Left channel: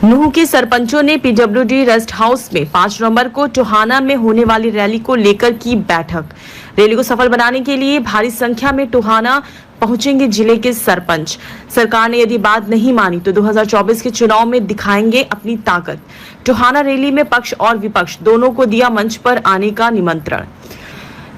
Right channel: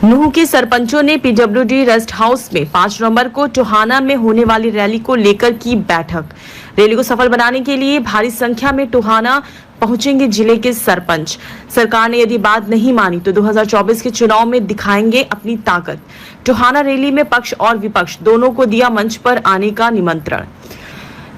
नूह के सरपंचों ने पीडब्ल्यूडी रेस्ट हाउस में 5 नवंबर को टोहाना में होने वाली रैली को लेकर की बैठक। रैली को सफल बनाने के लिए भारी संख्या में टोहाना पहुंचेंगे जिले के सरपंच। सरकार ने यदि बात नहीं मानी तो 2024 के चुनाव में दिखाएंगे अपनी ताकत। टोहाना रैली में पक्ष और विपक्ष दोनों को दिया मंच पर आने का निमंत्रण।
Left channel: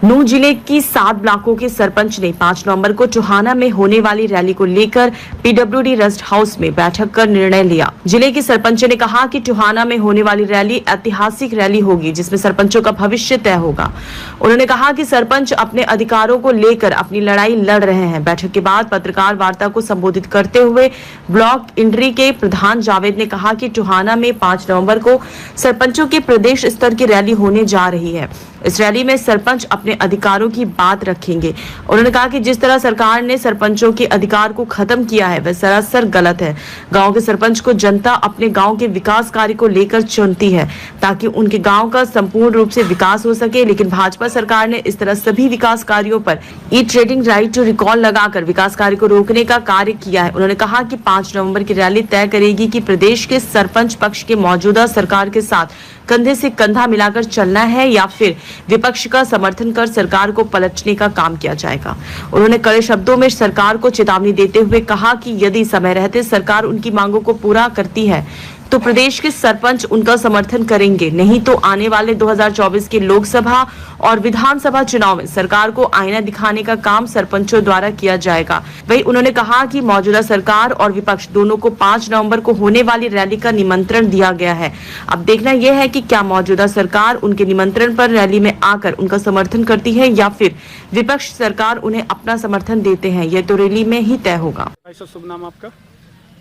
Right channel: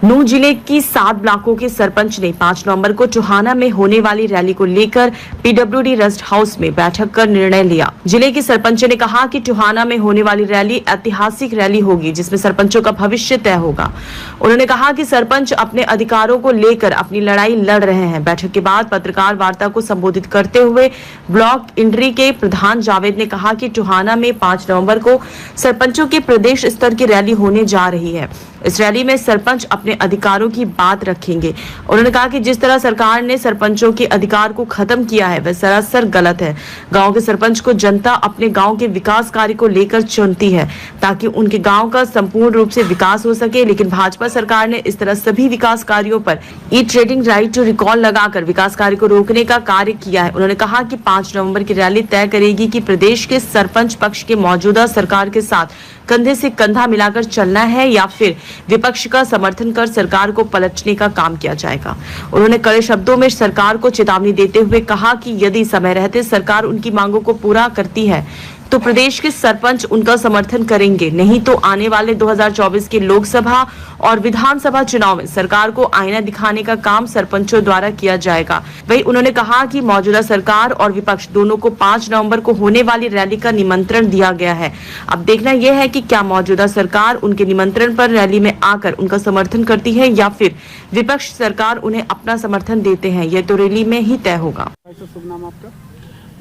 नूह जिले की 7 ब्लॉकों के सरपंच ने 5 नवंबर को टोहाना में होने वाली रैली को लेकर पीडब्ल्यूडी रेस्ट हाउस में बैठक कर निर्णय लिया। जिले के सरपंच ने कहा कि टोहाना में होने वाली रैली ऐतिहासिक रैली होगी जिसमें सरपंचों का भविष्य तय होगा। उन्होंने कहा कि सरपंच अपने अधिकारों को लेकर अपनी लड़ाई लड़ रहे हैं। बैठक के बाद पत्रकार वार्ता को संबोधित करते हुए ब्लॉक इंड्री के प्रधान जावेद ने कहा कि टोहाना में 5 नवंबर को सरपंचों के प्रदेश स्तर की रैली होने जा रही है। इस रैली में सरपंच अपने अधिकारों की बात रखेंगे। उन्होंने कहा कि जिस तरह सरकार ने सरपंचों के अधिकार को खत्म किया है वह सरासर गलत है। गांव के सरपंच को जनता अपने गांव के विकास कार्य को लेकर चुनती है ताकि उनके गांव का संपूर्ण रूप से विकास हो सके, लेकिन भाजपा सरकार ने इस तरह सभी विकास कार्यों पर e trading right to recall लगाकर विकास कार्य को रोकने का कार्य किया है। उन्होंने कहा कि 5 नवंबर की रैली तय करेगी कि प्रदेश के सरपंच पक्ष के मौजूदा सरकार के साथ कंधे से कंधा मिलाकर चलना है या फिर विपक्ष का समर्थन कर सरकार को पलटने का काम किया जाएगा। उन्होंने कड़े शब्दों में सरकार को चेतावनी देते हुए कहा कि यदि समय रहते सरकार उनकी मांगों को पूरा करती है तो प्रदेश के सरपंच उनका समर्थन करेंगे, नहीं तो आने वाले 2024 के लोकसभा और विधानसभा चुनाव में सरकार को आईना दिखाने का काम सरपंचों द्वारा किया जाएगा। वहीं उन्होंने कहा कि मौजूदा सरकार और विपक्ष दोनों को 5 नवंबर को होने वाली रैली का निमंत्रण दिया गया है। अब देखना यह है कि क्या मौजूदा सरकार उनके निमंत्रण पर रैली में आकर उनका समर्थन करती है या फिर विपक्ष सरकार उन्हें अपना समर्थन देते हैं। यह तो रैली में ही तय होगा। शुभ नाम आपका?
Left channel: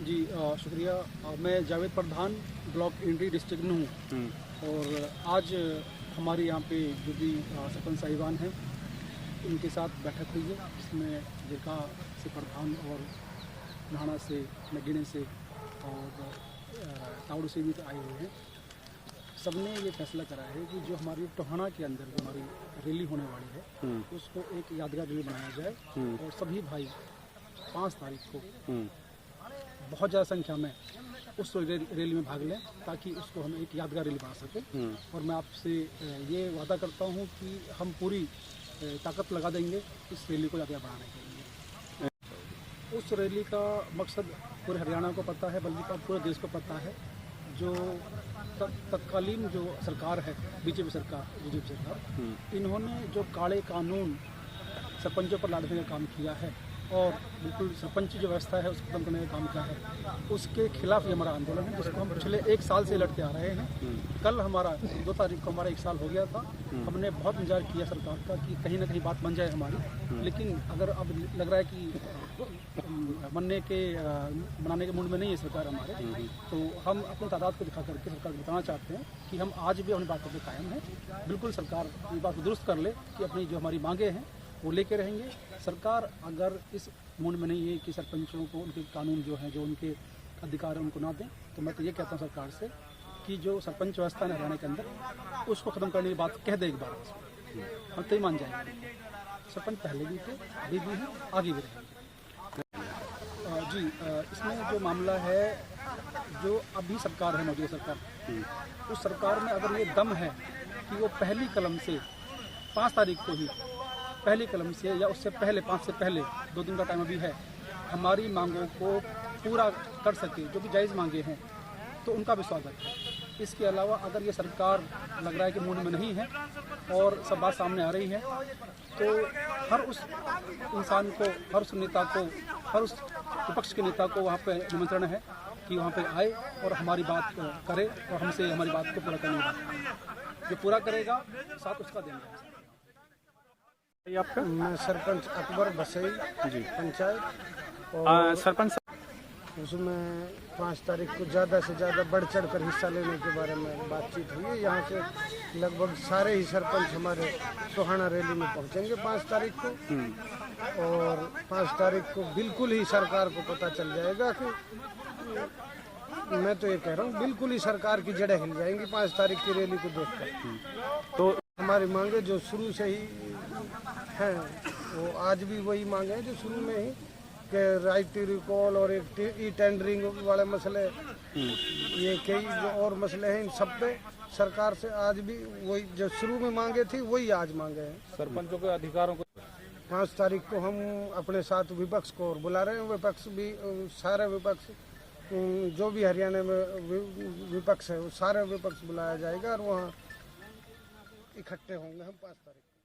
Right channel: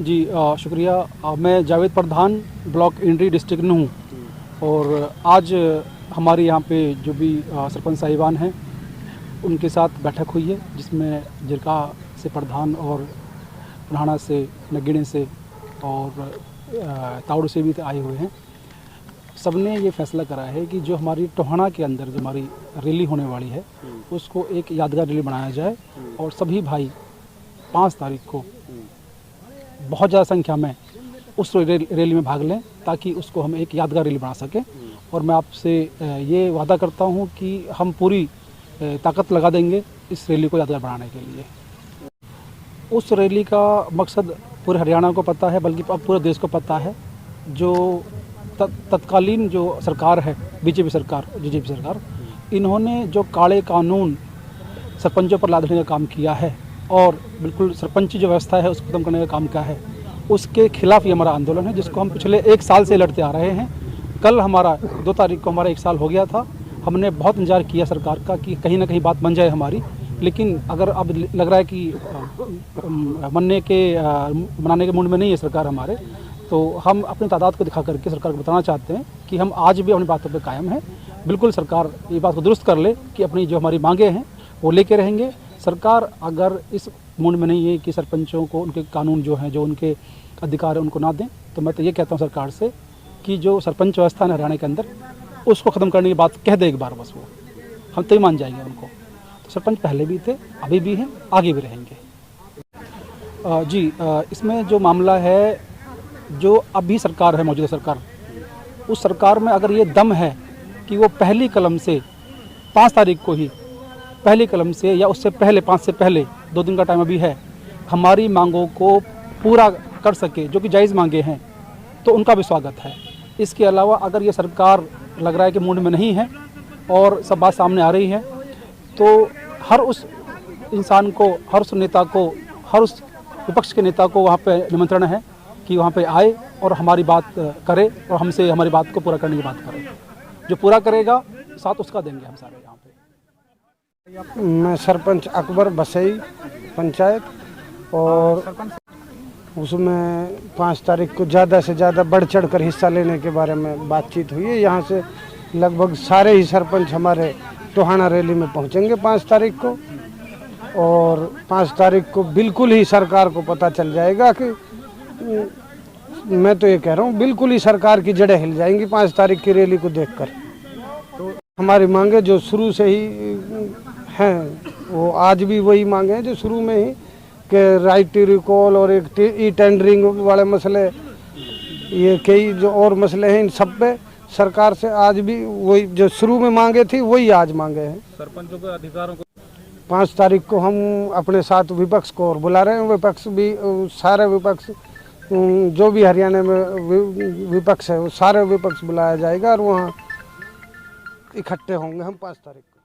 जी शुक्रिया। मैं जावेद प्रधान, ब्लॉक इंड्री, डिस्ट्रिक्ट नूह। और आज हमारे यहाँ पे जो भी सरपंच साहिबान हैं उनके साथ बैठक हुई है जिसमें जिरका से प्रधान और पुराना से, नगीने से और ताउड़ से भी आए हुए हैं। सबने ये फैसला करा है कि जो हमारी टोहाना के अंदर जो हमारी रैली होने वाली है उसको एक यादगार रैली बनाया जाए और सभी भाई 5 तारीख को बहुत ज़्यादा संख्या में उस रैली में भाग लें ताकि उसको हम एक यादगार रैली बना सकें। और मैं आपसे ये वादा करता हूँ कि हम पूरी ताकत लगा देंगे इस रैली को यादगार बनाने के लिए। उस रैली का मकसद पूरे हरियाणा को पता है, बल्कि पूरे देश को पता है। जो तत्कालीन जो सरकार है, बीजेपी सरकार, इन्होंने जो काले कानून सरपंचों पर लादने का काम किया है और बिल्कुल सरपंच जो व्यवस्था है उसको खत्म करने का काम किया है, उसके खिलाफ ये हमारा आंदोलन है जिसको हम पिछले 1 साल से लड़ते आ रहे हैं। कल हमारा 2 तारीख को हमारा 1 साल हो गया था। हमने बहुत इंतजार किया सरकार का कि कहीं ना कहीं बात बन जाए हमारी, लेकिन अगर अब लग रहा है कि मनाने के मूड में नहीं है सरकार हमारे, तो हम अपनी तादाद को दिखा करके सरकार को बताना चाहते हैं कि हम आज भी अपनी बातों पर कायम हैं। बिल्कुल सरकार ये बात को दुरुस्त कर ले कि अपनी जो हमारी मांगे हैं वो लेके रहेंगे। सरकार अगर इस मूड में नहीं है कि सरपंचों को उनके कानून जो हैं, जो उनके अधिकार हैं उनको ना दें, तो मैं तो ये कहता हूँ सरकार से कि जो सरपंच व्यवस्था है हरियाणा के अंदर उसको ख़त्म करने की बात कह दे एक बार, बस वो हम तो ही मान जाएंगे उनको। तो सरपंच पहले भी थे, अभी भी हैं, आगे भी रहेंगे। इसमें जो मामला है, जो अभी सरकार है, मौजूदा सरकार, उस सरकार में अगर ये दम है कि वो पहली कलम से 5 तारीख को ही पहली कलम से या उससे पहले 5 से पहले 2 दिन का टाइम अभी है, हमारी मांगों को पूरा कर सके, जो कि जायज़ मांगे हैं, तो उनका भी स्वागत है। इसके अलावा अगर ये सरकार लग रहा है कि मूड में नहीं है और सब बात सामने आ रही है, तो हर उस इंसान को, हर उस नेता को, हर उस विपक्ष के नेता को वहाँ पे निमंत्रण है कि वहाँ पे आए और हमारी बात करे और हमसे हमारी बात को पूरा करने की बात करे। जो पूरा करेगा साथ उसका देंगे हम सारे। मैं सरपंच अकबर बसई पंचायत, और उसमें 5 तारीख को ज़्यादा से ज़्यादा बढ़ चढ़ कर हिस्सा लेने के बारे में बातचीत हुई है। यहाँ से लगभग सारे ही सरपंच हमारे टोहाना रैली में पहुँचेंगे 5 तारीख को, और 5 तारीख को बिल्कुल ही सरकार को पता चल जाएगा कि, मैं तो ये कह रहा हूँ, बिल्कुल ही सरकार की जड़ें हिल जाएंगी 5 तारीख की रैली को देखकर। तो हमारी मांगे जो शुरू से ही हैं वो आज भी वही मांगे हैं जो शुरू में ही, कि राइट टू रिकॉल और एक ई टेंडरिंग वाले मसले ये कई जो और मसले हैं इन सब पे सरकार से आज भी वही जो शुरू में मांगे थी वही आज मांगे हैं। सरपंचों के अधिकारों को 5 तारीख को हम अपने साथ विपक्ष को और बुला रहे हैं। विपक्ष भी सारे विपक्ष जो भी हरियाणा में विपक्ष है वो सारे विपक्ष बुलाया जाएगा और वहाँ इकट्ठे होंगे हम 5 तारीख को।